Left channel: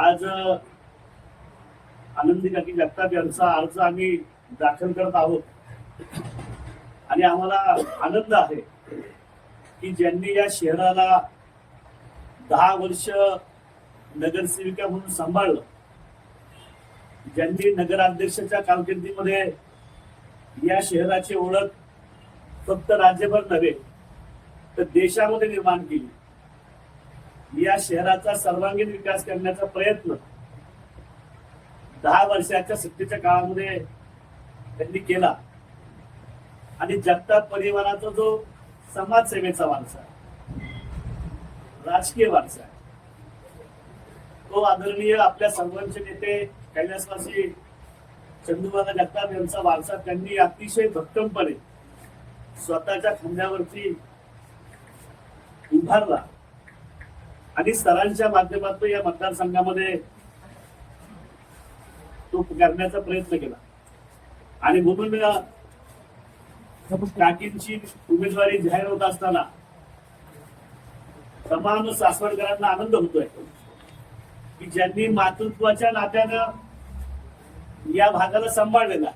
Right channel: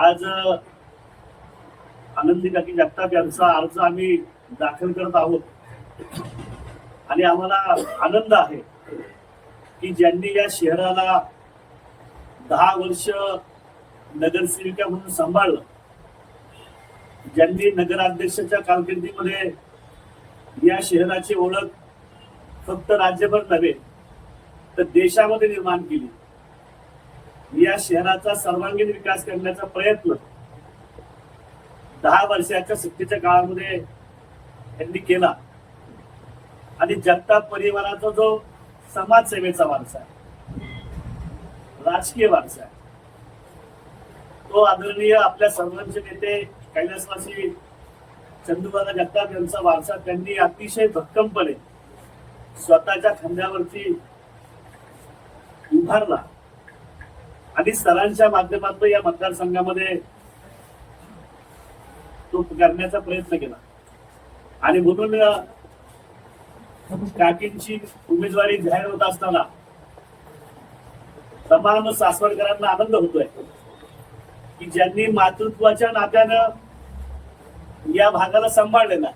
आज आनंदी काकी जगताप यांचा अर्ज आम्ही दाखल करत आहोत. आणि आम्हाला आनंद आहे की ज्यांनी या शहराला दहा वर्ष नगरसेविका म्हणून सांभाळलं ज्यांनी नगराध्यक्षाच्या कारकिर्दीमध्ये या शहराची ओळख फक्त राज्यभर नव्हे तर देशामध्ये निर्माण केली. या शहराचा सर्वांगीण विकास करण्याचा प्रयत्न दहा वर्षाच्या सत्तेच्या काळामध्ये त्यांनी केला. आणि जगताप परिवाराचा जो समाजसेवेचा वारसा आहे राजकीय वारसा आहे तो आदरणीय आपल्या सर्वांचे नेते कैलासवासी चंदूबाबा जगताप यांचा वारसा त्यांनी अतिशय भक्कमपणे स्वतःच्या खांद्यावरती उभारला. आणि सरांच्या माध्यमातून या मतदारसंघामध्ये तो करण्याचा प्रयत्न केला. आणि म्हणून काकींची उमेदवारी जाहीर होत असताना तमाम सासवडकरांना आनंद होतोय की ज्यांनी मातृत्वाच्या नात्यानं या भागाला सांभाळलेला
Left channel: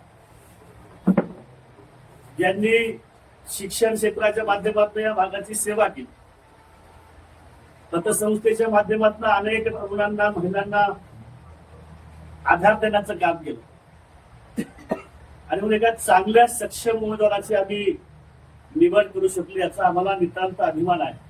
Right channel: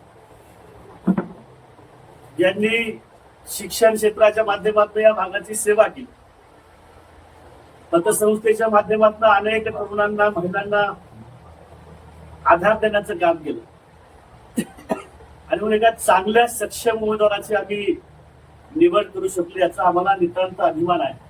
ज्यांनी शिक्षण क्षेत्राच्या माध्यमातून या भागाची सेवा केली. पतसंस्थेच्या माध्यमातून अनेक तरुणांना महिलांना आधार देण्याचं काम केलं. आणि म्हणून एका चांगल्या सक्षम उमेदवाराची आम्ही निवड करू शकली याचा आम्हाला नितांत अभिमान आहे.